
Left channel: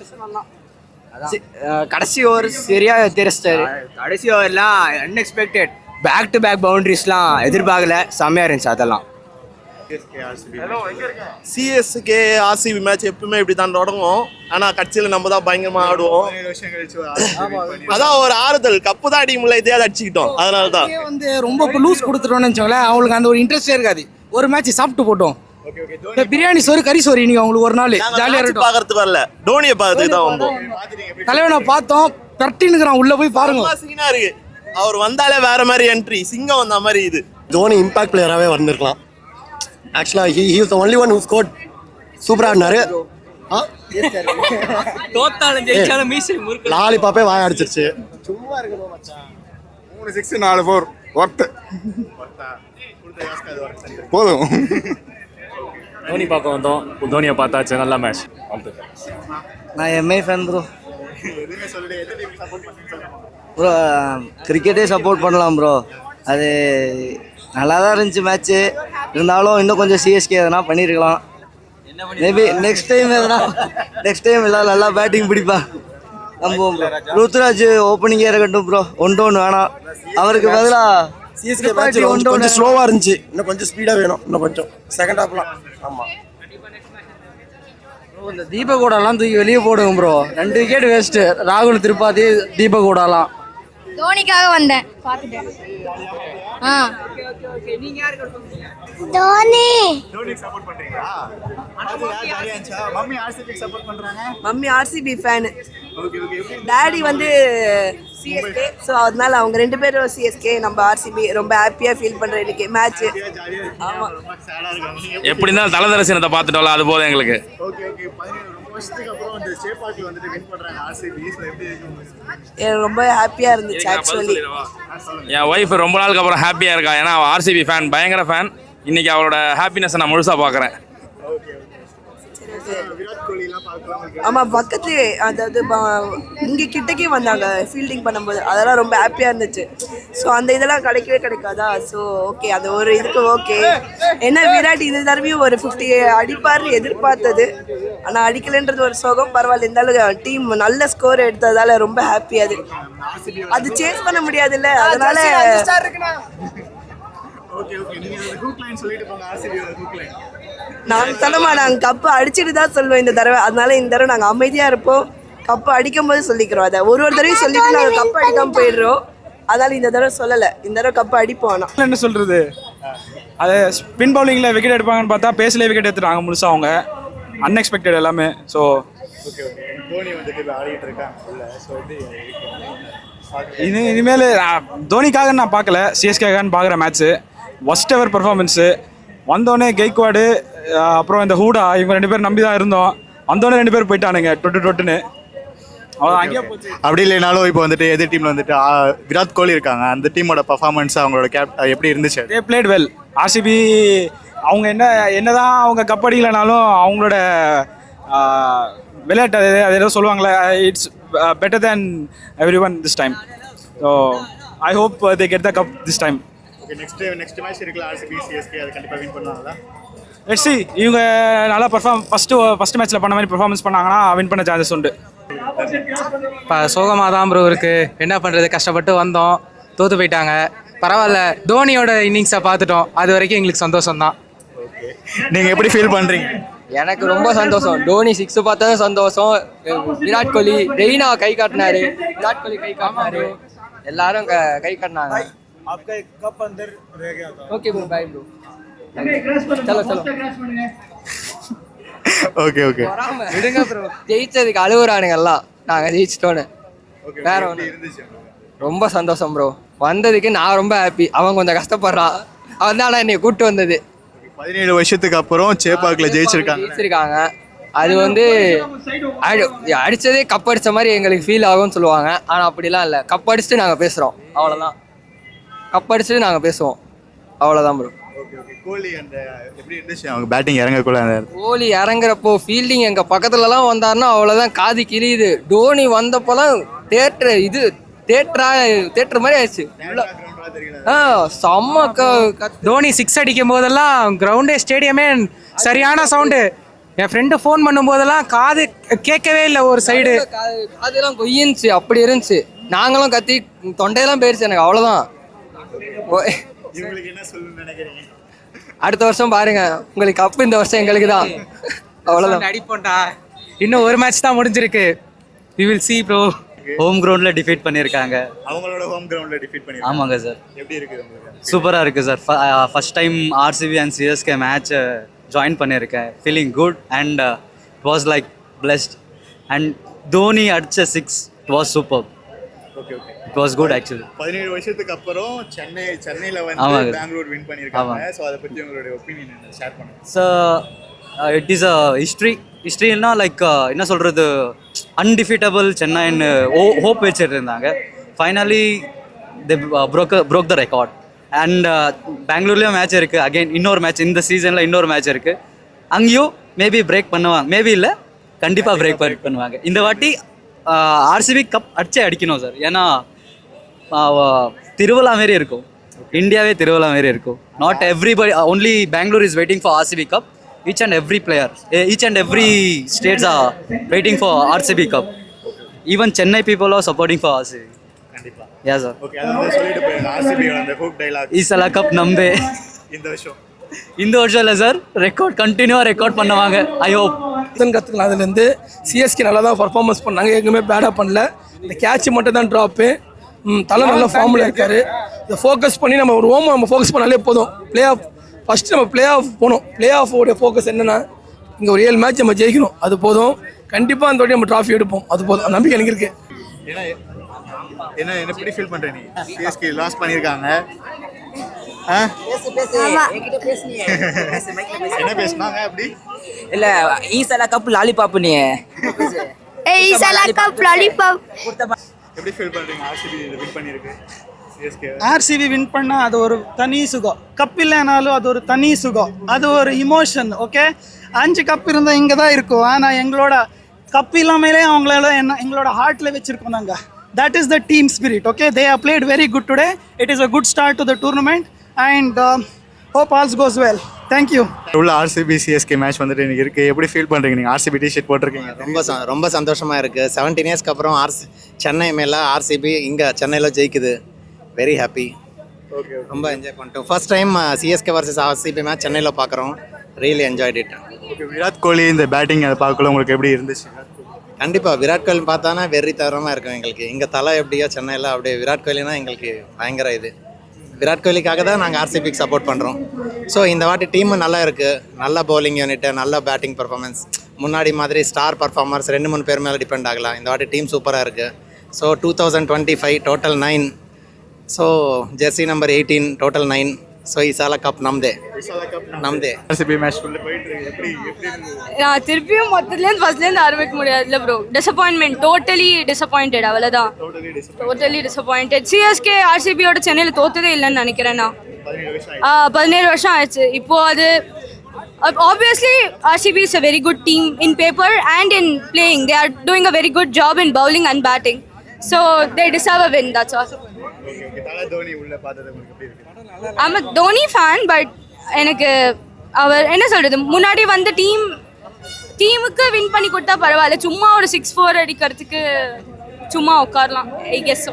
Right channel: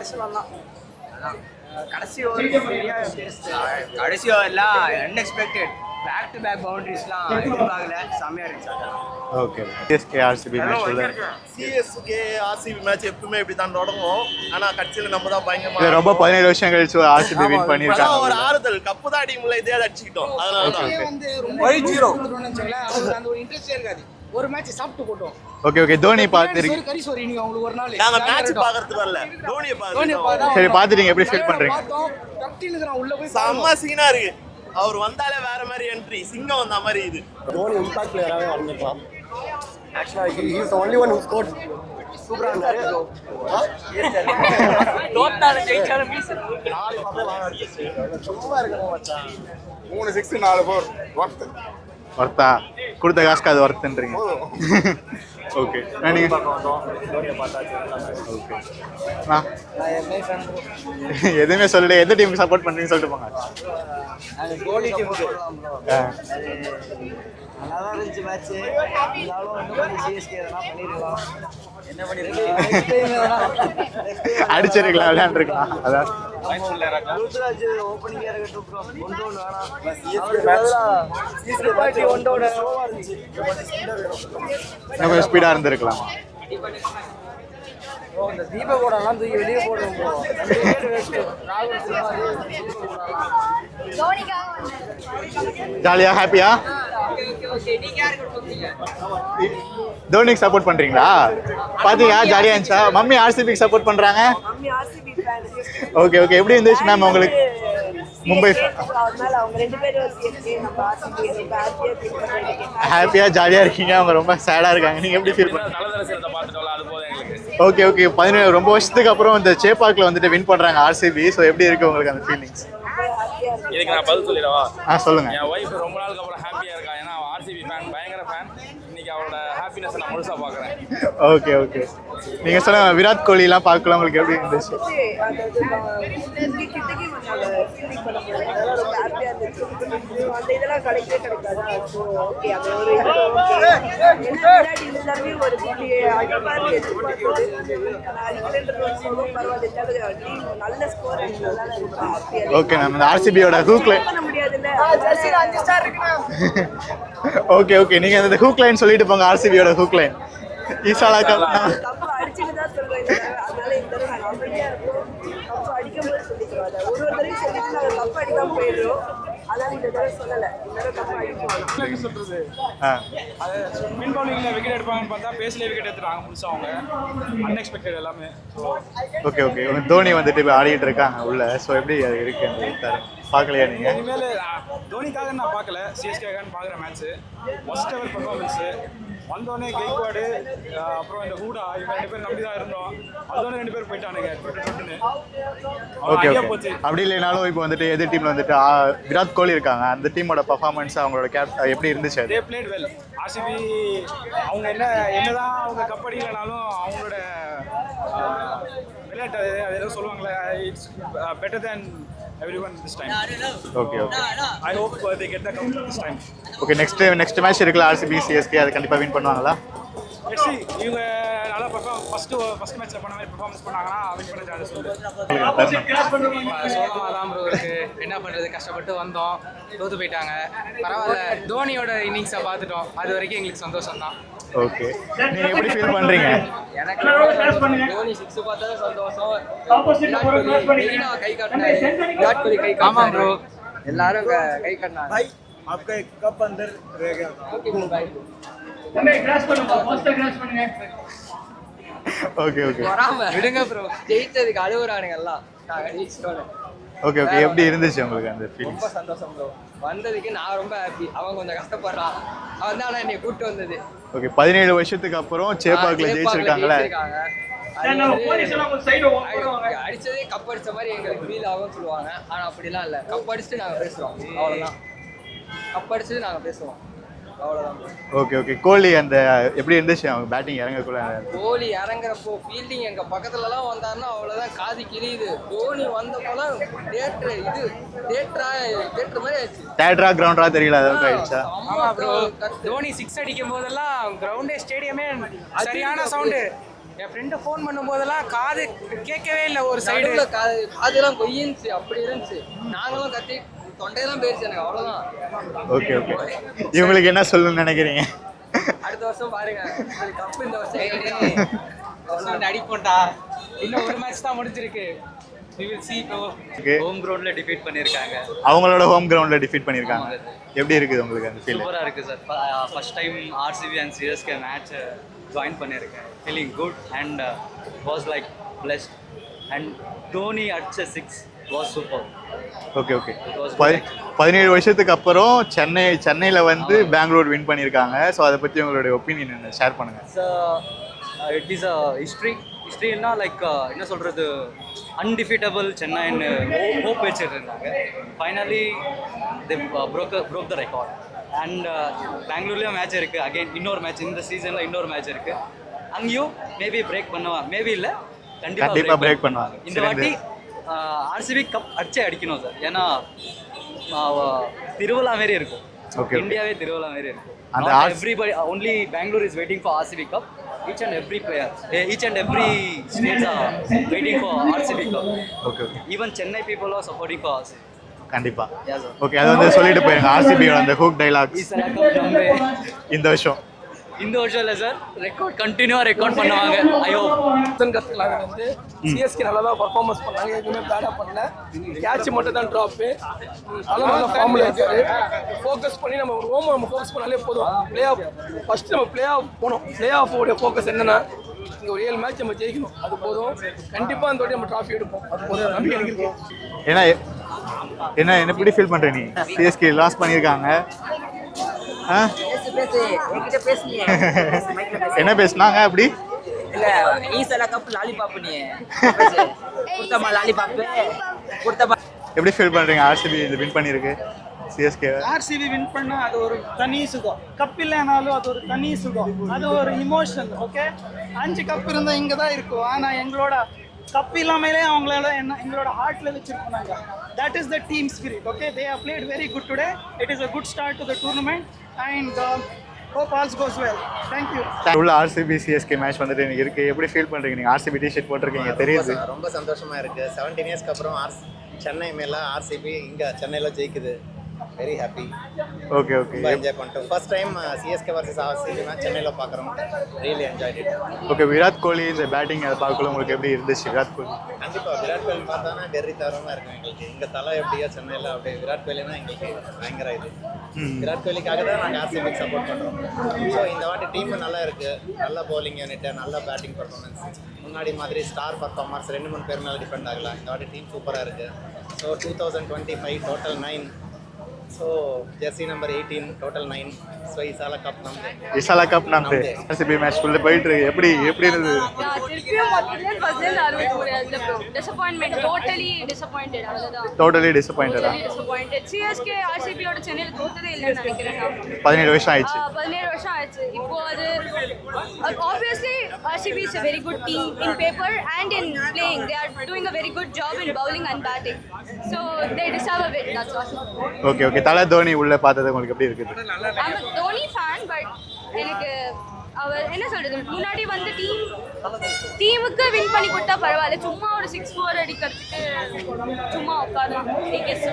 கடைசி ஓவர் சரியா தெரிச்சிட்டாரு. கடைசி ஓவர்லாம் அன்எக்ஸ்பெக்டட் பேக் டு பேக் பவுண்டரிஸ்லாம் எதிர்பார்க்கல, செமையா இருந்துச்சு அதெல்லாம். Okay. CSK RCB match CSK RCB match எப்பவுமே இப்படி தான் தொடங்கும். ஆனா கட்சியில நம்ம தான் பயங்கரமா ரொம்ப 17 வருஷம் கழிச்சு ஆர்சிபி வின் பண்ணி அதான் ஒரு ஆறுதல். கப்பு தான் அடிக்க முடியல, இதையாவது அடிச்சுக்கிட்டோம். அதனால தான் வந்து ரொம்ப லூஸ் கொடுத்துட்டோம்னு வச்சுக்கோங்களேன், அவங்களுக்கு அந்த ஒரு இன்ட்ரெஸ்டே இருக்காது. ஒரு மேட்ச் சாப்பிட்டு போட்டோம். Okay okay. தோனி பிரியாணி சோறு கறி சோறு இன்னைக்கு அவங்களுக்கு ஒரு நாள் ஜாலியா இருக்கும். பாக்குறதுக்கு வரல, தோனியை பார்த்துட்டு தான் வந்தோம். சரி, பாத்துட்டீங்க எப்படி தலைவனை பார்த்தோம், பெர்ட்டின்னுக்குறான், உள்ள போய் பாருங்க. சீனா இருக்கு, அவர் வந்தாலே வேற மாதிரி என்ட்ரி, சிங்கம் வந்த மாதிரி. இது தோனி இம்பாக்ட் பிளேயராகவே வந்திருக்கலாம். ஆக்சுவலாக he is the only one who scored. சூப்பராக இருந்தாரு. தோத்தாலும் ஜெயிச்சாலும் மீசை முறுக்கு. லாலிபாப்பே வாய அடிச்சிருச்சு. 3 6 4 4 ஒர்த்தா கொடுத்த காசுக்கு அது ஒர்த்துன்றீங்க போதும். ஓகே. பார்க்க வந்தோம், தோனியை பார்த்தாச்சு, நல்ல மேட்ச். நான் எம்ஐ ஃபேன் ப்ரோ. எதுவுமே சொல்லல, எந்த டீமுக்கு சப்போர்ட் பண்ணுறீங்கன்னு சொல்லிட்டு போங்க ப்ரோ. கிரிக்கெட்டே சப்போர்ட் பண்ணலாம் ப்ரோ. அது நல்லா தான் இருந்துச்சு மேட்ச்சு. இருந்தாலும் இன்னும் கொஞ்சம் சிஎஸ்கே எதனா பண்ணியிருக்கலாம். மேபி நெக்ஸ்ட் டைம் எல்லாம் நல்லா பேட்டிங் பிடிப்பான். நம்புவோம். ருத்ராஜ் ஓப்பனிங்கே இருக்கட்டும் ப்ரோ. 1-1 வேணாம், அவருக்கு பதிலாக சிஎஸ்கே கொஞ்சம் ஸ்லோவாக இருந்துச்சு. இன்னும் கொஞ்சம் ஸ்பீடாக வேணும். இன்னும் கொஞ்சம் ஸ்பீடாக இருந்திருக்கலாம். இந்த தீபகோடாலாம் தூக்கி வெளியே போடுவோம் ப்ரோ. 2 wicket waste. ராகுல் திரிபாதி, தீபகோடாலாம். தோனிக்காக வந்தேன். ஜாலியா ஹாப்பியா? தோனிக்கு சப்போர்ட் பண்றீங்களா? பாத்தீங்களா ஜாலியா இருந்துச்சா? மம்மி ஆர்சிபிக்கு சப்போர்ட் பண்றாங்க. Mummy RCB fan. Okay okay. எப்படி இருந்துச்சு மேம் உங்களுக்கு? மும்பை. சோ அதனால அவங்க ரெண்டு பேரும் சிஎஸ்கே, நம்ம ஆர்சிபி. ரொம்ப ஹாப்பியா ஃபீல் பண்றேன் இன்னைக்கு மேட்ச். ஹாப்பியா ஜாலியா இருக்கீங்க, அவங்க ரொம்ப சேடா இருக்காங்க. நீங்க எப்படி இருந்தாலும் தலதரசனத்தை பார்த்துட்டோம்ல, அது போதும் எங்களுக்கு. Okay okay. 17 ரொம்ப வருஷத்துக்கு அப்புறம் இந்த சேப்பாக்ல வந்துட்டு வின் பண்றாங்க ஆர்சிபி. சோ எப்படி இருக்கு உங்களுக்கு அந்த ஃபீலிங்? ரொம்ப ஹாப்பியா இருந்துச்சு ஆக்சுவலி. சொல்லுங்க. என் ஒய்ஃப் ரொம்ப நாளுக்கு அப்புறம் ஹாப்பியா இருக்கா. ஏன்னா அவள் ஆர்சிபி ஃபேன், பயங்கர ஃபேன். இன்னைக்கு அவளோட ஹாப்பினஸ் நான் முழுசா பாக்குறேன். Okay okay. நீங்க சொல்லுங்க, விராட் கோலி எல்லாம் பார்க்கலாம் உங்களுக்கு? ஆமா, பக்கத்துலயே அதாவது இங்க கிட்டக்கே வந்தாங்க ஃபீல்டிங் பண்ணும்போது. அதெல்லாம் ரொம்ப ஹாப்பியா இருந்துச்சு. ஸோ அந்த இதெல்லாம் கிடைக்காதா? ஸோ ஓகே, அந்த ஒரு இதுக்கு ஓகே. ஏன்னா விராட் இந்த தடவையும் ஒரு 50 அடிப்பார் எதிர்பார்த்தது, ஆனா அடிக்கலைன்றது ஒரு சோகம். பரவாயில்ல, இருந்தாலும் டீம் நல்ல ஸ்கோர் எடுத்ததால ரொம்ப ஹாப்பியா இருக்கு. ஓகே. நம்ம ஆர்சிபியோட சேஸ் பண்ண முடியாதுல்ல, அதனால ஓகே ஓகே. நீங்க அந்த ஹூக் லைன் சொல்லிட்டு போங்க, ஆர்சிபியோட ஹூக் லைன். நாங்க கப்பு அடிச்சுட்டு தான் சொல்லுவோம் இந்த தடவை. அதனால இந்த தடவை நாங்க அமைதியா இருப்போம். கப்பு அடிக்கும் போது சொல்லிக்கிறோம். அதை ஒரு தடவையும் சொல்லிட்டு நாங்க கப்பு அடிக்காம போயிடுறோம். அதனால இந்த தடவை சொல்லல, இந்த தடவை கப்பு அடிப்போம். என்ன சொல்றது, அது ஸ்பின் பவுலிங்ல விக்கெட் எடுப்பாங்கன்னு பார்த்தா பேஸ்ல விக்கெட் எடுத்துட்டாங்க முழுசா. அவங்க அன்எக்ஸ்பெக்டட் எல்லாமே. So okay okay. தோனி வந்துட்டு இப்போ ஆடிட்டு இருக்காங்க உள்ள. ஸோ எப்படி அது இருக்கு பார்க்கலையா? இனிமேல் தோனிக்காக நான் பார்க்கல, சிஎஸ்கேக்கான்னு பார்க்குற மேட்ச்சு. ஒஸ்ட் எவர் பர்ஃபார்மன்ஸு. வந்தோடனே கெய்க்வாடு, அப்புறம் இந்த ஹூடா, இவங்க 2 பேர் நம்பி தான் இருந்தோம். வந்தோடனே 2 பேர் போயிட்டானுங்க டொட்டுன்னு. அப்படி இல்லைனாலும் இப்போ வந்துட்டு எதிர் டீம்ல வந்துட்டு விராட் கோலி இருக்காங்க. அந்த டீமோட பர்ஃபார்மன்ஸ், அவங்களோட எப்படி இருந்துச்சு? They played well. ஆர்சிபி அவங்க என்னதான் அவங்க கப் அடிக்கலைனாலும் அவங்களோட விளையாட்டு அது ஏதோ சொல்லுவாங்களே, it's better than every one this time. So I hope they get the cub this time. Okay. Next match இருக்குல்ல, ஆர்சிபி சிஎஸ்கே, அது கண்டிப்பாக வின் பண்ணுவாங்களா? எஸ்சி இவங்க நல்லா ஃபர்ஸ்ட் மேட்ச்சில் பண்ண மாதிரி பெர்ஃபார்மன்ஸ் பண்ணாங்கன்னா வின் பண்ண சான்சஸ் உண்டு. இப்போ சோகமாக தான் ப்ரோ இருக்குது. என்ன பண்ணுறது, கஷ்டப்பட்டு வந்தோம், தோற்று போயிட்டாங்க. பரவாயில்ல, தோனியோட இன்னிங்ஸை பார்த்துட்டோம், அது வரைக்கும் எங்களுக்கு சந்தோஷம் தான். ஓகே. நீங்கள் எப்படி ஃபீல் பண்ணுறீங்க? எனக்கு ரொம்ப சந்தோஷம். தோனி 6 பார்த்ததும் சந்தோஷம். விராட் கோலி ரெய்னா கை காட்டினாரு. விராட் கோலி கை காமா ப்ரோ, எல்லாரும் கை காட்டினாங்க. Okay bro, bye bro. Okay okay. விடுங்க ப்ரோ, ஜெயிச்சதுக்கு அழுகுறானுங்க எல்லாம். நாங்கள் ஜெயிச்சிட்டோன்னு. Okay okay. எப்படி இருந்துச்சு உங்களுக்கு அந்த? ரொம்ப சந்தோஷம் ப்ரோ. வந்ததுக்கு நான் ரொம்ப ஹாப்பி. அவன் கொஞ்சம் கஷ்டப்படுறான், அவன் தான் என்னை கூப்பிட்டு வந்தது. ஓகே. 17 வருஷத்துக்கு அப்புறம் சேப்பாக்கில் ஜெயிச்சிருக்காங்க. அது வந்து அடித்ததே கப் அடித்த மாதிரி எங்களுக்கு ஃபீல் ஆகும்னு சொல்லுவாங்க. ஆனால் அப்படிலாம் இல்லை, கப் அடிச்சுட்டு நாங்கள் பேசுகிறோம், அவ்வளோதான். கப் அடிச்சுட்டு நாங்கள் பேசுவோம். அவ்வளோதான் ப்ரோ. Okay okay. கோலி அந்த எப்படி இருந்துச்சு அவங்க பேட்டிங் இறங்கக்குள்ள? அந்த கோலி இறங்குறப்போ ஃபீல்டிங் எங்கள் பக்கத்துலலாம் வந்தாருன்னா அவ்வளோதான், காது கிழியுது. டோனி வந்தப்போலாம் தேட்டர் மாதிரி ஆயிடுச்சு. தேட்டரா கிரவுண்டரா தெரியல. செம்ம தோனி 6 அடிக்கும் போதெல்லாம் கிரவுண்டே ஸ்டேடியமே சரியான சவுண்டு. என் ஃப்ரெண்டு ஃபோன் பண்ணும்போதெல்லாம் காது கேட்கவே இல்லை ஒரு சைடு. காதுலாம் கொய்யின்ச்சு, அப்படி இருந்துச்சு. நாங்களும் கத்தி தொண்டையெல்லாம் போயிடுச்சு எனக்கு, அவ்வளோதான். Okay okay. இவங்களுக்கு என்ன சொல்லணும்னு நினைக்கிறீங்க? அடுத்த வருஷம் பாருங்க, உங்களுக்கு கப்பு இந்த வருஷம் எங்களுக்கு தான். அவ்வளோதான். அடிப்போம்டா. இன்னும் ஒரு மேட்ச் தான் முடிஞ்சிருக்கு. We will see bro. Home கிரவுண்ட்ல டிஃபீட் பண்ணிருக்காங்க. அவங்களோட ஹோம் கிரவுண்ட்ல டிஃபீட் பண்ணிருக்காங்க. ஆமாங்க சார். எப்படி இருக்குது உங்களுக்கு? சூப்பரா இருக்கு sir. First time RCB and CSK match join பண்ணியிருக்கேன். Feeling good and was like blessed. And Dhoni அடிச்ச 6 was super. Okay okay. It was good actually. 17 வருஷத்துக்கு அப்புறம் சென்னையில வந்து பெங்களூர் வின் பண்ணிருக்காங்க. ஸோ அதை பத்தி உங்களுடைய ஒப்பீனியன் ஷேர் பண்ணுங்க. ஸோ இட் இஸ் அ ஹிஸ்ட்ரின்னா லைக் என்ன சொல்கிறது, அன்டிஃபீட்டபிள் சென்னைன்னு ஹோப் வச்சுட்டு இருந்தாங்க. Finally they broke the record. And பெங்களூர்லேயும் மேட்ச் இருக்குது. அகெயின் இன்னொரு மேட்ச் இந்த சீசனில் இன்னொரு மேட்ச் இருக்குது. அங்கேயும் மேபி பிரேக் பண்ணுவாங்க, மேபி இல்லை கண்டிப்பாக பிரேக் பண்ணுவாங்க. இந்த வாட்டி ஆர்சிபி கப் அடிக்கணும் சார். ஏன்னா திருவிழா மாரி இருக்கும், இந்தியாவே திருவிழா மாரி இருக்கும். Not everybody, only Bangalore is waiting for RCB Cup. Each and every player, each and every states are waiting for RCB Cup. Okay. Even Chennai people are supporting for RCB. கண்டிப்பா. Yeah sir. Okay, அது வந்து சொல்லிட்டு போயிருங்க. ஆர்சிபியோட அந்த hook dialogue ஈசலா cup நம்பே இந்த வருஷம் இல்லை sir, கண்டினியூவாக ரெக்கார்ட் பண்ணுவாங்க. ஐ ஹோப் கற்றுக்கலாம். அதுலேருந்து சிஎஸ்கே நல்லா தான் பர்ஃபார்மன்ஸ் பண்ணாங்க, எதுவுமே பேடாக பண்ணல. இந்த கேட்ச் மட்டும் தான் ட்ராப்பு. தலை நல்ல ஃபார்மில் இருக்கார். இதை ஃபோக்கஸ் பண்ணி நம்ம ஒரு நம்ம ஃபோக்கஸ் பண்ணாலே போதும். பிளே ஆஃப் ஃபஸ்ட்டு நம்ம பிளே ஆஃப் போகணும். பிளே ஆஃபோடைய ஃபோக்கஸ் என்னென்னா இங்கே ஒரு 7 மேட்ச் நம்ம ஜெயிக்கணும், அது போதும். கண்டிப்பாக அந்த வாட்டி நம்ம ட்ராஃபி எடுப்போம், அது போதும். நம்பிக்கை எனக்கு இருக்குது. ஏன்னா என்ன எப்படி ஃபீல் பண்ணுற நீ? சிஎஸ்கே லாஸ் பண்ணியிருக்காங்க. என்ன பேசுனாங்க அப்படி? இல்லை ஈசலா கப் லாலிபாப் நீ எப்படி ஃபீல் பண்ணுறீங்க? ஆர்சிபி இது வின் பண்ணியிருக்கு, சிஎஸ்கே. ஆர்சிபி வின் பண்ணால் அது ஒரு தனி சுகம். கப் இல்லைனாலும் அது ஒரு தனி சுகம், அது ஒரு இமோஷன். ஓகே, 5 கப் இருந்தால் இங்கே தான் இருக்கும். ஆனால் எங்களோட கப் இல்லாமலே அவங்களோட எங்களோட ஹார்ட்டில் வச்சுருக்கோம் நாங்கள். That is the team spirit. Okay, they have played very good today. It is a good start to the tournament and hope all goes well. Thank you. உள்ள ஆர்சிபி சிஎஸ்கே மேட்ச் வந்துட்டு எனக்கு இருக்கு. எப்படி ஃபீல் பண்றீங்க நீங்க? RCB T-shirt போட்டிருக்கீங்க, தெரியும். ரொம்ப சந்தோஷமா இருக்கு. 17 இயர்ஸ்க்கு அப்புறம் சென்னை மேல ஆர்சிபி இங்க சென்னையில ஜெயிக்குது. Very happy. Okay okay. ரொம்ப என்ஜாய் பண்ணிட்டோம். First time CSK versus RCB match சென்னையில பார்க்குறோம். Really enjoyed it. Okay, Virat Kohli இந்த பேட்டிங் அதை பார்க்கல உங்களுக்கு எப்படி இருந்துச்சு? விராட் கோலி கண்டிப்பாக விராட் கோலி பார்த்தானா வெறி தரமாக இருக்கும் எங்களுக்கு. இங்கே தலை எப்படியோ சென்னையில் அப்படியே விராட் கோலினா எங்களுக்கு பயங்கர இது. விராட் கோலிக்காக தான் நாங்கள் ஆர்சிபிக்கு சப்போர்ட் பண்ணுறோம். ஸோ இந்த வாட்டி டீமு நல்லா இருக்குது. நல்ல பவுலிங் யூனிட்டு, நல்ல பேட்டிங் பர்ஃபார்மன்ஸ். முன்னாடி மாதிரி ஸ்டார் பர்ஃபார்மர்ஸ் 2-3 பேர் மேலே டிபெண்ட் ஆகலாம். இந்த வாட்டி டீம் சூப்பராக இருக்குது. So 2025 total 9. So jersey number 18 total 9. So இசாலா கப் நம்தே. இசாலா கப் நம்தே. ஆர்சிபி மேட்ச் ஃபுல்லா போயிட்டு இருக்கு. எப்படி இருந்தது? நான் திருப்பியும் மொத்தத்துலேருந்து ஃபர்ஸ்ட்லேருந்து ஆரம்பிக்க முடியாது இல்லை ப்ரோ. டிசப்பாயின்மெண்ட், டோட்டலி டிசப்பாயிண்டட், அவ்வளோதான். Totally disappointed. சிஎஸ்கே ஆர்சிபியோட சென்னையில் தோத்ததே இல்லைன்னு நினைக்கிறேன் நான். 17 வருஷம் ஆயிடுச்சு. 17 வருஷம் ஆயிடுச்சு. இப்போ அது obviously RCB is a very good team in paper and in playing. They are doing a very good job in bowling and batting. So they deserve a win, that's all. Okay okay. தலை தோனி உள்ள பார்த்தது உங்களுக்கு எப்படி இருக்குது? I'm a Dhoni fan, but எனக்கு அவர் என்ன சொல்றது, முன்னாடி வந்து டீமுக்கு வின் பண்ணி கொடுத்தா பரவாயில்ல. சும்மா ஒரு 6-4 அடிக்கிறதுக்கு சும்மா உட்காரலாம், ஐ கெஸ்.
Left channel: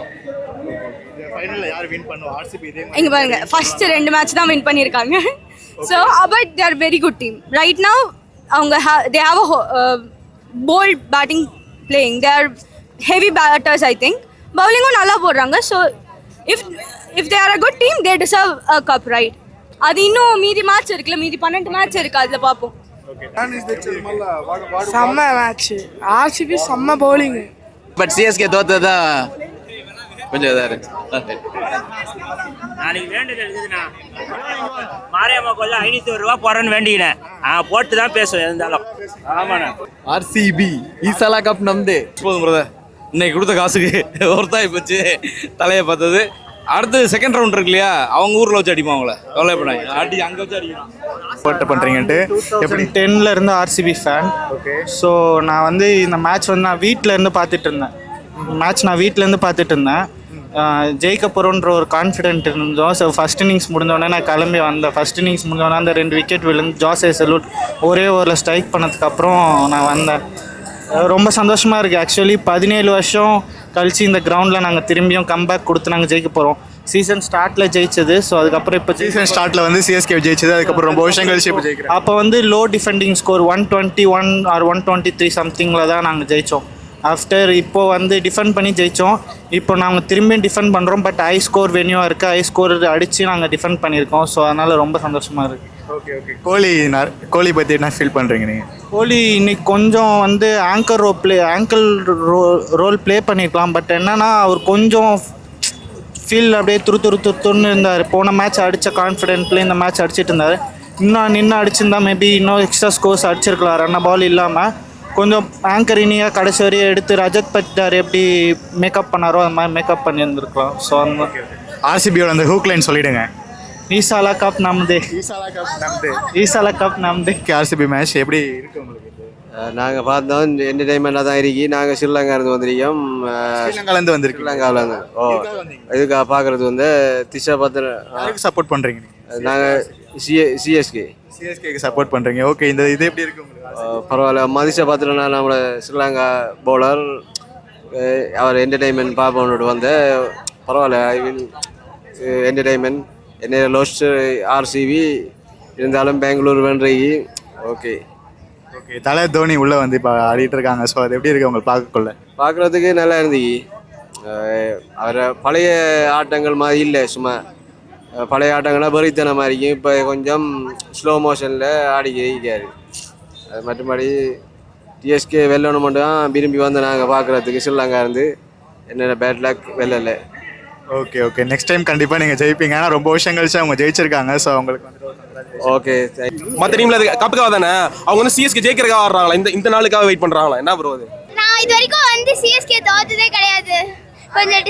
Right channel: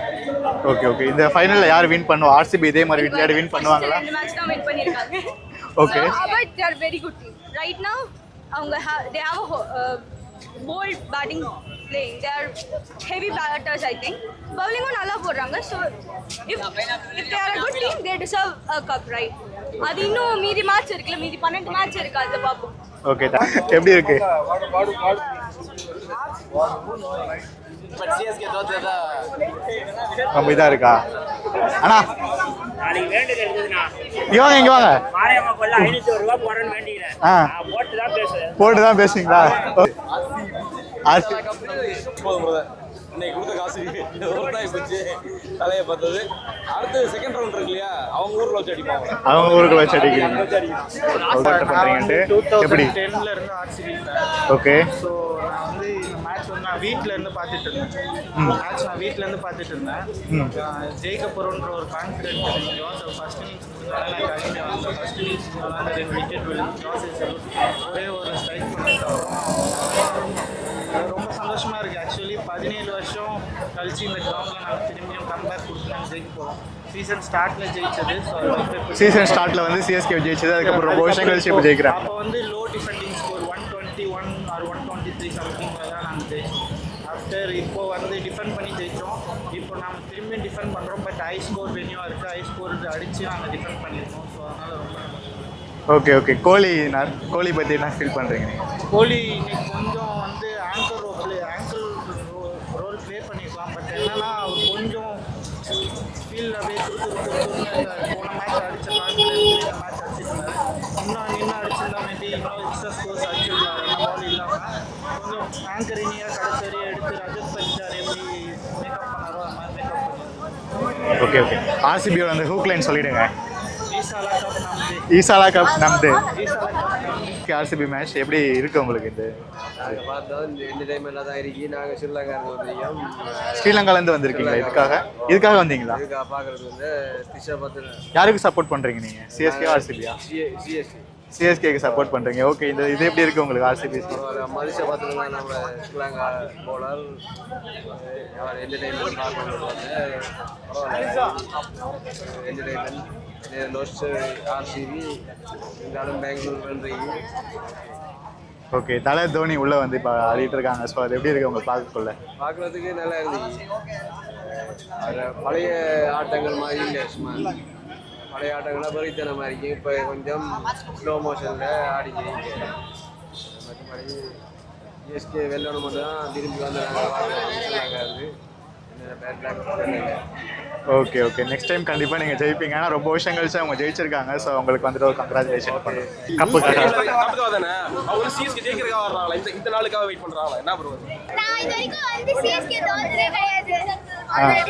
Okay okay. இந்த ஃபைனல்ல யார் வின் பண்ணுவா? ஆர்சிபி இதே மாதிரி இங்க பாருங்க, ஃபர்ஸ்ட் 2 மேட்ச் தான் வின் பண்ணிருக்காங்க. So but they are very good team right now. அவங்க they have a bold batting playing. They are heavy batters, I think. Bowling நல்லா போடுறாங்க. So if they are a good team, they deserve a cup, right? அது இன்னும் மீதி match இருக்குல்ல, மீதி 12 match இருக்கு, அதுல பாப்போம். ஓகே, எப்படி இருக்கு? செம்ம மேட்ச். ஆர்சிபி செம்ம பவுலிங். பட் சிஎஸ்கே தோத்ததா கொஞ்சம் இதா இருக்கா? அண்ணா நாளைக்கு வேண்டியது எழுதுனா இங்க வாங்க. மாரியம்மா கொல்ல 500 ரூபாய் போறேன்னு வேண்டினேன். நான் போட்டு தான் பேசுவீங்களா? ஆர்சிபி ஈசாலா கப் நம்தே. போதும் பிரதர், இன்னைக்கு கொடுத்த காசுக்கு ஒருத்தாய் போச்சு தலையை பார்த்தது. அடுத்து செகண்ட் ரவுண்ட் இருக்கு இல்லையா, அவங்க ஊரில் வச்சு அடிப்போம் அவங்கள. அவங்க ஊர்ல வச்சு அடிக்கிறீங்க பண்ணிட்டு எப்படி 10ல இருந்து ஆர்சிபி ஃபேன். ஓகே. ஸோ நான் வந்து இந்த மேட்ச் வந்து நான் வீட்டில் இருந்து பார்த்துட்டு இருந்தேன். நான் வீட்டிலேருந்து பார்த்துட்டு இருந்தேன். ஜெயிக்க போகிறோன்ற ஒரு கான்ஃபிடென்ட் இருந்தோம். ஸோ ஃபஸ்ட் இன்னிங்ஸ் முடிஞ்சோடனே நான் கிளம்பி வந்தேன். ஃபஸ்ட் இன்னிங்ஸ் முடிஞ்சோடனே அந்த 2 விக்கெட் விழுந்து ஜாஸ் ஹேசல்வுட் ஒரே ஓவரில் ஸ்ட்ரைக் பண்ணதுக்கப்புறம் நான் வந்தேன். ரொம்ப சந்தோஷமாக இருக்குது. ஆக்சுவலி 17 வருஷம் கழிச்சு இந்த கிரவுண்டில் நாங்கள் திரும்பியும் கம்பேக் கொடுத்து நாங்கள் ஜெயிக்க போகிறோம். சீசன் ஸ்டார்ட்டில் ஜெயிச்சது. ஸோ அதுக்கப்புறம் இப்போ சீசன் ஸ்டார்ட்டில் வந்து சிஎஸ்கே ஜெயிச்சது, அதுக்கப்புறம் ரொம்ப வருஷம் கழிச்சு இப்போ ஜெயிக்கிறேன். அப்போ வந்து லோ டிஃபெண்டிங் ஸ்கோர் 121 ஆர் 123 சம்திங்கில் தான் நாங்கள் ஜெயித்தோம். ஆஃப்டர் இப்போது வந்து டிஃபெண்ட் பண்ணி ஜெயித்தோம். இப்போ நாங்கள் திரும்பியும் டிஃபெண்ட் பண்ணுறோம். பட் ஹை ஸ்கோர் வென்யூவாக இருக்குது. ஹை ஸ்கோர் அடித்து நாங்கள் டிஃபெண்ட் பண்ணியிருக்கோம். ஸோ அதனால் ரொம்ப சந்தோஷமாக இருக்குது. ஓகே. கோலி பற்றி என்ன ஃபீல் பண்ணுறீங்க நீங்கள்? கோலி இன்னைக்கு கொஞ்சம் வந்து ஆங்கர் ரோல் ப்ளே பண்ணியிருக்கலாம். பட் என்னென்னா அவர் கொஞ்சம் ஃபீல்டில் அப்படியே துருன்னு இருந்தார். போன மேட்ச் அடித்த கான்ஃபிடென்ட்லேயே இந்த மேட்ச் அடிச்சிட்டு இருந்தார். இன்னும் நின்று அடிச்சிருந்தா மேபி இன்னும் எக்ஸ்ட்ரா ஸ்கோர்ஸ் அடிச்சிருக்கலாம். ரன்ன பால் இல்லாமல் கொஞ்சம் ஆங்கர் இனியாக கடைசி வரையும் எடுத்து ரஜத் பட்டார் எப்படி மேக்கப் பண்ணாரோ அது மாதிரி மேக்கப் பண்ணியிருந்துருக்கலாம். So okay. ஆர்சிபியோட அந்த ஹூக் லைன் சொல்லிவிடுங்க. ஈசாலா கப் நம்தே. ஆர்சிபி மேட்ச் எப்படி இருக்கு உங்களுக்கு? இது நாங்கள் பார்த்தோம் என்டர்டைன்மெண்ட்டாக தான் இருக்கி. நாங்கள் ஸ்ரீலங்காலேருந்து வந்திருக்கோம். ஸ்ரீலங்காலேருந்து வந்திருக்கீங்க? இதுக்காக வந்தீங்களா? இதுக்காக பார்க்குறது வந்து திஷா பத்திர. யாருக்கு சப்போர்ட் பண்ணுறீங்க நீங்கள்? நாங்கள் சிஎஸ்கேக்கு சப்போர்ட் பண்ணுறீங்க. ஓகே. இது எப்படி இருக்குது உங்களுக்கு ஆர்சிபி? பரவாயில்ல. மதிஷா பத்திரனா நம்மளோட ஸ்ரீலங்கா பவுலர். அவர் என்டர்டைன்மெண்ட் பார்ப்போம்னு வந்து பரவாயில்ல. என்டர்டைன்மெண்ட் என்ன லோஸ்ட் ஆர்சிபி இருந்தாலும் பெங்களூர் வென்றி. ஓகே. தலை தோனி உள்ளே வந்து இப்போ ஆடிட்டு இருக்காங்க. ஸோ அது எப்படி இருக்குது உங்களுக்கு பார்க்குறதுக்கு நல்லா இருந்துச்சு. அவர் பழைய ஆட்டங்கள் மாதிரி இல்லை. சும்மா பழைய ஆட்டங்கள்லாம் பரித்தன மாதிரிக்கும். இப்போ கொஞ்சம் ஸ்லோ மோஷனில் ஆடி ஜெயிக்காரு. அது மற்றபடி டிஎஸ்கே வெல்லணும் மட்டும் தான் விரும்பி வந்து நாங்கள் பார்க்குறதுக்கு. ஸ்ரீலங்கா இருந்து என்னென்ன பேட் லக் வெல்லலை. ஓகே. நெக்ஸ்ட் டைம் கண்டிப்பாக நீங்கள் ஜெயிப்பீங்க. ஏன்னா ரொம்ப வருஷம் கழிச்சு அவங்க ஜெயிச்சிருக்காங்க. ஸோ அவங்களுக்கு வந்துட்டு ஒரு கங்க்ராச்சுலேஷன். ஓகே. மற்ற டீமில் கப்புக்காக தானே அவங்க வந்து சிஎஸ்கே ஜெயிக்கிறதுக்காக ஆடுறாங்களா? இந்த நாளுக்காக வெயிட் பண்ணுறாங்களா? என்ன ப்ரோ அது? நான் இது வரைக்கும் வந்து சிஎஸ்கே தோத்ததே கிடையாது. கொஞ்சம்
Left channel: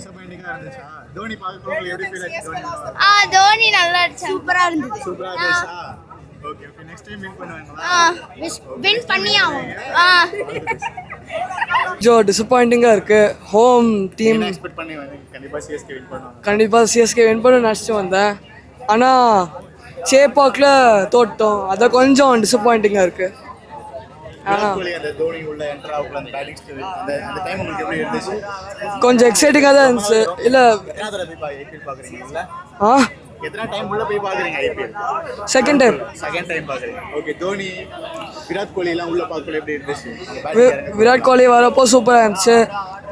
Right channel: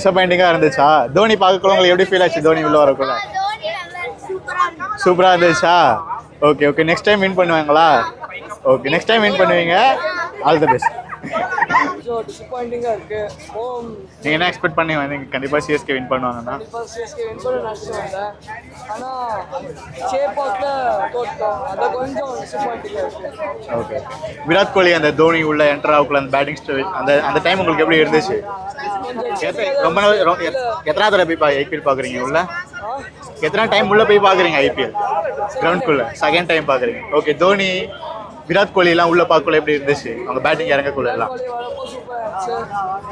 டிசப்பாயிண்டிங்காக இருந்துச்சா? தோனி பார்க்கக்குள்ள உங்களுக்கு எப்படி ஃபீல் ஆச்சு? தோனி உள்ள வரக்கூட தோனி நல்லா சூப்பராக இருந்துச்சா? ஓகே. நெக்ஸ்ட் டைம் வின் பண்ணுவாங்களா? ஓகே. நெக்ஸ்ட் டைம் வின் பண்ணுவீங்க. All the best. கொஞ்சம் டிசப்பாயிண்டிங்காக இருக்குது. ஹோம் டீம் என்ன எக்ஸ்பெக்ட் பண்ணி வந்தீங்க? கண்டிப்பாக சிஎஸ்கே வின் பண்ணுவாங்க. கண்டிப்பாக சிஎஸ்கே வின் பண்ண நினச்சிட்டு வந்தேன். ஆனால் சேப்பாக்கில் தோட்டோம். அதான் கொஞ்சம் டிசப்பாயிண்டிங்காக இருக்குது. ஓகே. விராட் கோலி அந்த தோனி உள்ள என்டர் ஆகுள்ள அந்த பேட்டிங் ஸ்டைல் அந்த டைம் உங்களுக்கு எப்படி இருந்துச்சு? கொஞ்சம் எக்ஸைட்டிங்காக தான் இருந்துச்சு. இல்லை எத்தனை தடவை போய் ஐபிஎல் பார்க்குறீங்க உள்ள? எத்தனை டைம் உள்ள போய் பார்க்குறீங்க ஐபிஎல்? செகண்ட் டைம் பார்க்குறீங்க. ஓகே. தோனி விராட் கோலிலாம் உள்ள பார்க்கல எப்படி இருந்துச்சு? அவங்க பேட்டிங் இறங்க விராட் கோலி வரப்போ சூப்பராக இருந்துச்சு.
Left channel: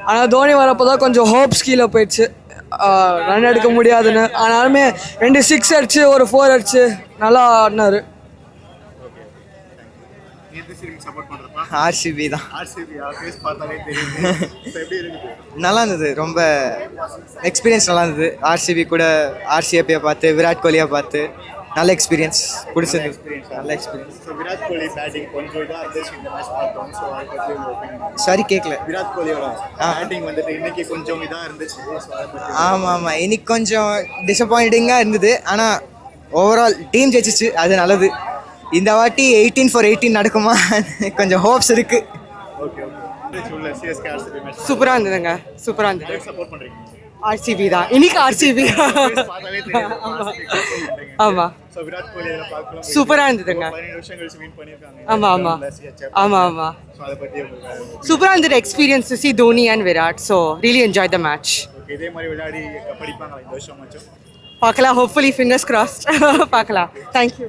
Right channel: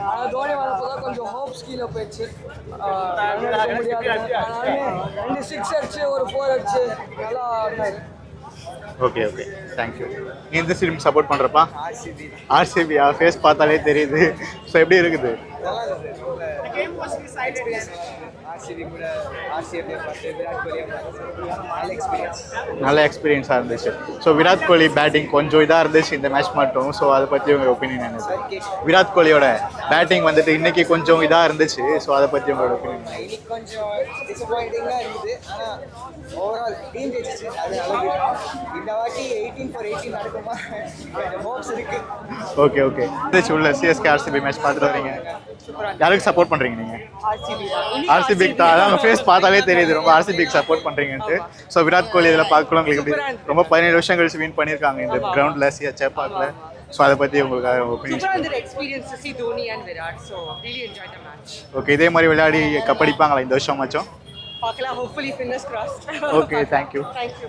ஆனால் தோனி வரப்போ தான் கொஞ்சம் ஹோப்ஸ் கீழே போயிடுச்சு. ரன் எடுக்க முடியாதுன்னு. ஆனாலுமே 2 6 அடிச்சு ஒரு 4 அடிச்சு நல்லா ஆடினாரு. ஓகே. தேங்க்யூ. நீ எந்த டீம் சப்போர்ட் பண்ணுறப்பா? ஆர்சிபி தான். ஆர்சிபியா? ஃபேஸ் பார்த்தாலே தெரியுது. ஸோ எப்படி இருக்குது? நல்லா இருந்தது. ரொம்ப எக்ஸ்பீரியன்ஸ் நல்லா இருந்தது. ஆர்சிபி கூட ஆர்சிபியை பார்த்து விராட் கோலியை பார்த்து நல்ல எக்ஸ்பீரியன்ஸாக இருந்துச்சு. ஸோ விராட் கோலி பேட்டிங் கொஞ்சம் இதாக இருந்துச்சு இந்த மேட்ச் மட்டும். ஸோ அதை பற்றி உங்கள் ஒப்பீனியன்? சரி கேட்கல. விராட் கோலியோட பேட்டிங் வந்துட்டு இன்னைக்கு கொஞ்சம் இதாக இருந்துச்சு. ஸோ அதை பற்றி? ஆமாம். இன்னைக்கு கொஞ்சம் டிசப்பாயிண்டிங்காக இருந்தது. ஆனால் ஓவரால் டீம் ஜெயிச்சிச்சு. அது நல்லது. இந்த வாட்டி 18 for 18 நடக்குமா? கொஞ்சம் ஹோப்ஸ் இருக்கு. ஓகே. உள்ள சிஎஸ்கே ஆர்சிபி மேட்ச் சூப்பராக இருந்ததுங்க. சூப்பராக இருந்தது. யாருக்கு சப்போர்ட் பண்ணுறீங்க நீங்கள்? ஆர்சிபி தான். இன்னைக்கு ஆர்சிபி ஃபேஸ் பார்த்தாலே தெரியுது ரொம்ப ஆர்சிபிக்கு சப்போர்ட் பண்ணுறீங்க. ஆமா. ஸோ விராட் கோலி இதில் பார்க்கலாம் சூப்பராக இருந்தது. ரொம்ப 17 வருஷம் கழிச்சு வின் பண்ணியிருக்காங்க இந்த கிரவுண்டில் சிஎஸ்கே. ஆமா. ஸோ அதை பற்றி உங்களுக்கு சூப்பராக இருந்தது experience. C Dhoni and Virat. So really enjoy the match. Okay. இதே மாதிரி விளையாடி கப்படிப்பாங்களா இந்த வருஷம் மச்சும்? பார்க்கலாம். Hopefully fingers crossed. பார்க்கலாம். தேங்க்யூ.